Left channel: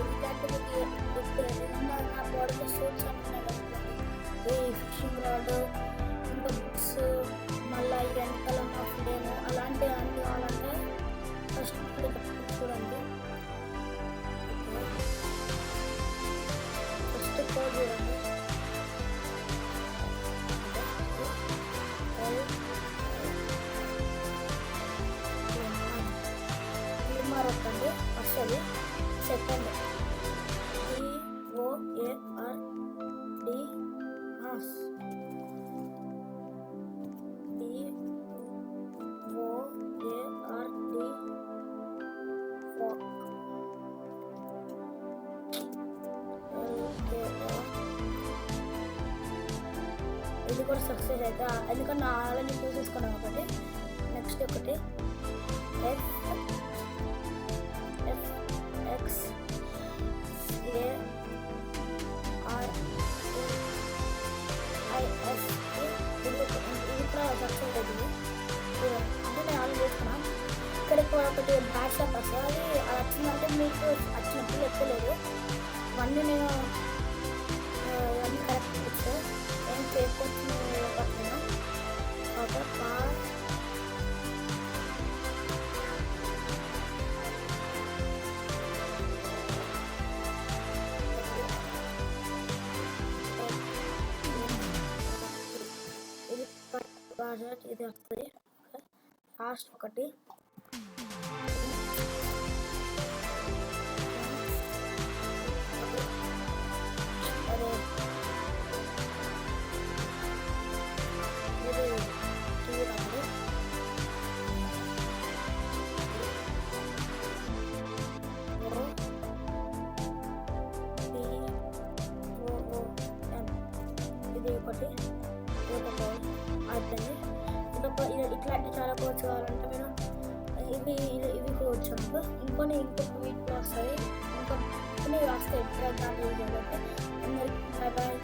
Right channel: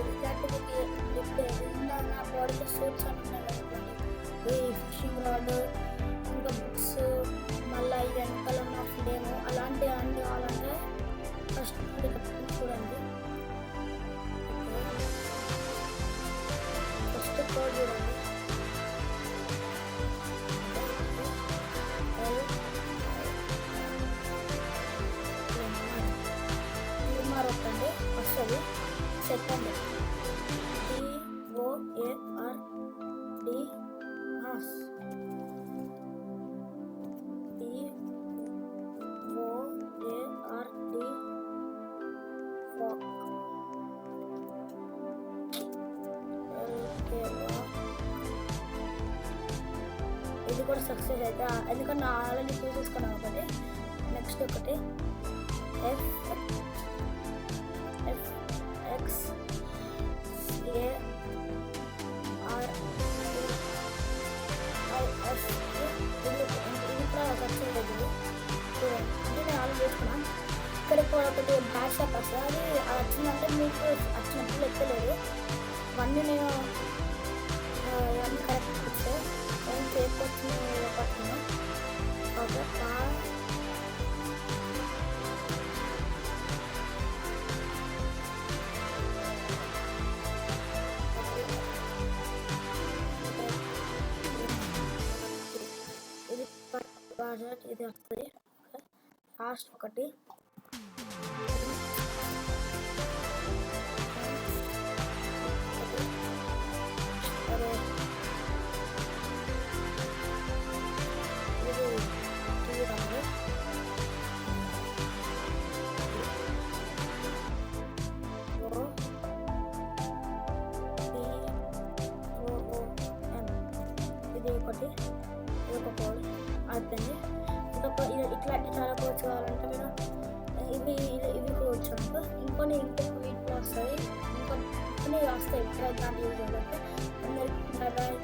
ఇలాంటివి నా బాడీలో సూట్స్ అని ఉన్నాయి కదా ఇట్లాంటివి ఈ ఫిషింగ్ రాడ్ ఇంకా బుక్స్ మళ్ళీ ఈ వెనకాల ఉన్న ఫ్లేము అలాంటివి అన్నీ కావాలంటే ఫస్ట్ ఇక్కడ చూడండి. ఓకే, ఫస్ట్ కోడ్ చూడండి. క్లిమ్మర్ వస్తుంది వస్తుంది. సెకండ్ DOARD ఇది కూడా సక్సెస్ అయితే ఎందుకంటే నా ఆల్రెడీ చూసేసుకున్నాను ఒకటి. నెక్స్ట్ ఒకటి FXARISK ఇది కూడా సక్సెస్ అవుతుంది చూడండి. అంటే నేను ఆల్రెడీ చేసుకున్నాను. ఇక్కడ ఒకటి బ్యాక్ షాప్ వస్తుంది. అది వచ్చిందంటే మీకు వచ్చినప్పుడు ఎక్కలేదు ఇవన్నీ నేను ఇవన్నీ కరెక్ట్ వచ్చాయి. ఏం ఫేక్ వచ్చిన పట్టిన ఓకే ఇది వస్తుంది. లాస్ట్ ఒకటి అదే ఇది తీరాలి. ఇది ఒకటి ఇది ఒక కోడ్ అయిపోయింది. ఇట్లాంటి చాలా కోడ్స్ కావాలంటే మీరు ఇవి కోడ్స్ అనుకో ఇంకొక వీటిలో వస్తాయి. ఇంకా కొన్ని వస్తాయి దాంట్లో యూజ్ చేయాలంటే అందరికీ బాయ్.